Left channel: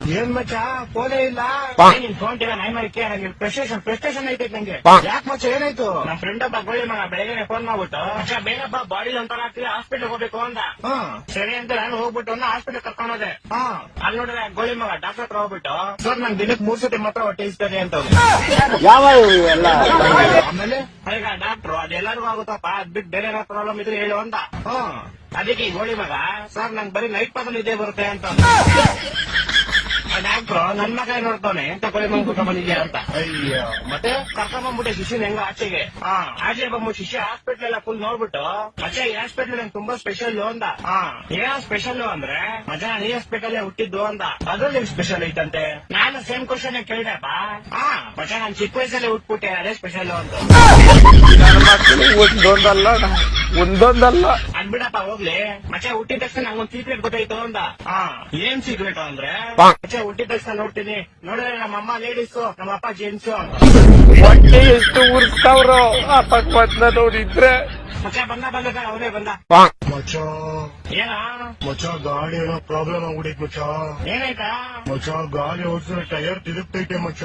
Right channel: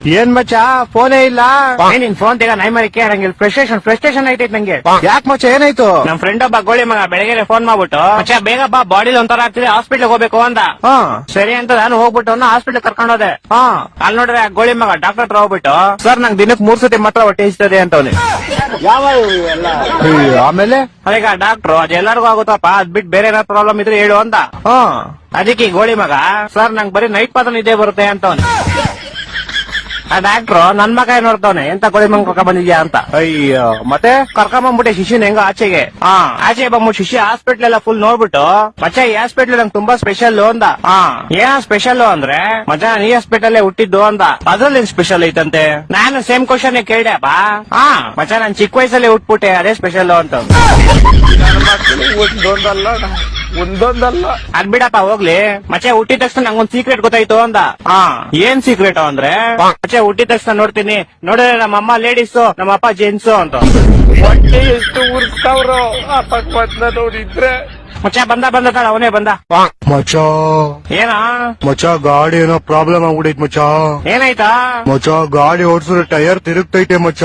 ಏನ್ ಮಚ್ಚ ಫೋನೇ ಇಲ್ಲ. ನಿನ್ ಫೋನ್ ತೆಗ ನೈ ಮರಿ ಕೇಳಂಗಿಲ್ಲ. ಫ್ರಸ್ಟ್ರೇಷನ್ ಐತೈತ್ ನಂಗೆ. ಯಾಕೆ ಮಚ್ಚ ಏನಾಯ್ತು? ನಮ್ ಫ್ರೆಂಡ್ ಒಬ್ಬ ಗೋಳಿ ಮಗ ಬೆಳಗ್ಗೆ ಫೋನ್ ಮಾಡ್ಬಿಟ್ಟು ಮಚ್ಚ ಬೇಗ ಬಾ ಬಾಡಿ ಒಂಥರ ಆಗ್ತಿದೆ ಹಾಸ್ಪಿಟ್ಲ್ ಹೋಗ್ಬೇಕು ಅಂದ. ಸರಿ ಅಂತ ನಾನು ಹೋಗ್ಬಿಟ್ಟು ಹಾಸ್ಪಿಟ್ಲ್ ಕರ್ಕೊಂಡು ಹೋದೆ. ಅಲ್ಲಿ ನೋಡ್ರೆ ಗೋಳಿ ಮಗ ಡಾಕ್ಟರ್ ಹತ್ರ ಹೋಗ್ಬಿಟ್ಟು ಸರ್ ನಂಗೆ ದಿನಕ್ಕೆ 3 ಸತಿ ಮಾತ್ರ ಹೊಟ್ಟೆ ಇಸ್ತದೆ ಅಂತವನೆ. ಯಾವ ಎಲ್ಲ ಆಮೇಲೆ ಅದೀಗ ಡಾಕ್ಟ್ರು ಅದೆಲ್ಲರಿಗೂ ಆಗುತ್ತಪ್ಪ ಅದ್ ಬಿಟ್ಟು ಬೇರೆ ಏನಾದ್ರು ಪ್ರಾಬ್ಲಮ್ ಇದ್ರೆ ಹೇಳು ಅಂತ. ಅದಕ್ಕೆ ಈ ಗೋಳಿ ಮಗ ಸರ್ ನಂಗೆ ಬರೀ ನೈಟ್ ಮಾತ್ರ ನಿದ್ದೆ ಬರುತ್ತೆ ಅಂತವನೆ. ಆ ಡಾಕ್ಟ್ರು ನನ್ ಮಗ ನೋಡ್ತಾವನೆ ಎಂತ ಗೋಳಿ ಮಗ ಕರ್ಕೊಂಡ್ ಬಂದಿದ್ಯಾ ಅಂತ. ಅಯ್ಯೋ ಮತ್ತೆ ಕರ್ಕೊಂಬಂದ್ಬಿಟ್ಟೆ ಶಿಶುನ್ ಹೆಂಗ ಆಚೆಗೆ. ಆಚೆ ಬಂದ್ಬಿಟ್ಟು ಶಿಶು ಹಾಸ್ಪಿಟ್ಲ್ ಎಲ್ಲ ಫುಲ್ ನೋಡ್ಬಿಟ್ಟು ಮಚ್ಚ ಈ ಹಾಸ್ಪಿಟ್ಲ್ ನಂಗೆ ತುಂಬಾ ಸ್ಪೆಷಲ್ ಅಂದ. ಏನ ಸ್ಪೆಷಲ್ ಅಂದ್ರೆ ಮಚ್ಚ ನಾನು ಈ ಹಾಸ್ಪಿಟಲ್ ಹುಟ್ಟಿದ್ದು ಅಂದ. ಅದ್ರಲ್ಲಿ ಸ್ಪೆಷಲ್ ಐತಂತೆ. ನಾನು ಸೇಮ್ ಕ್ವಶನ್ ಕೇಳ್ದೆಪ್ಪ. ಮಚ್ಚ ನಾನ್ ಚಿಕ್ಕ ವಯಸ್ಸಲ್ಲಿ ಹುಟ್ಬಿಟ್ಟೆ ಅದೇ ಸ್ಪೆಷಲ್ ಅಂತ. ಒಂದೊಂದಲ್ಲ ಅದ್ ಬಿಡಪ್ಪ ಹೋಗ್ಲಿ. ಮಚ್ಚ ಹುಟ್ಟಿದ ತಕ್ಷಣ ನಂಗೊಂದ್ ಸೀಕ್ರೆಟ್ ಗೊತ್ತಾಯ್ತು ಅಂದ. ಏನ್ ಸೀಕ್ರೆಟ್ ಅಂದ್ರೆ ಮಚ್ಚ ಹುಟ್ಟಿದ ತಕ್ಷಣ ನೋಡ್ತೀನಿ ನೋಡಿದ್ರೆ ನಮ್ಮ ಅಮ್ಮ ಲೇಡೀಸು ನಮ್ಮ ಅಪ್ಪ ಜೆಂಟ್ಸು ಅಂತ. ಹೊಟ್ಟೆ ಎಷ್ಟು ಉರ್ಸ್ತಾವ್ರೋ ಅಪಕ್ವತ್ನ ನೋಡಿದ್ರೆ. ಮಚ್ಚ ಬಂದ ಅವನೇ ಬಂದ. ಮಚ್ಚ ಏನ ಮಚ್ಚ ಗಾಡಿ ಏನೋ ಪ್ರಾಬ್ಲಮ್ ಆಗ್ಬಿಡೈತ್ ಮಚ್ಚ. ಏನಾಯ್ತಾ? ಮಚ್ಚ ಗಾಡಿ ಓಡಿಸಿದ್ರೆ ಟೈರ್ ತಿರುಗ್ತೈತೆ ಮಚ್ಚ.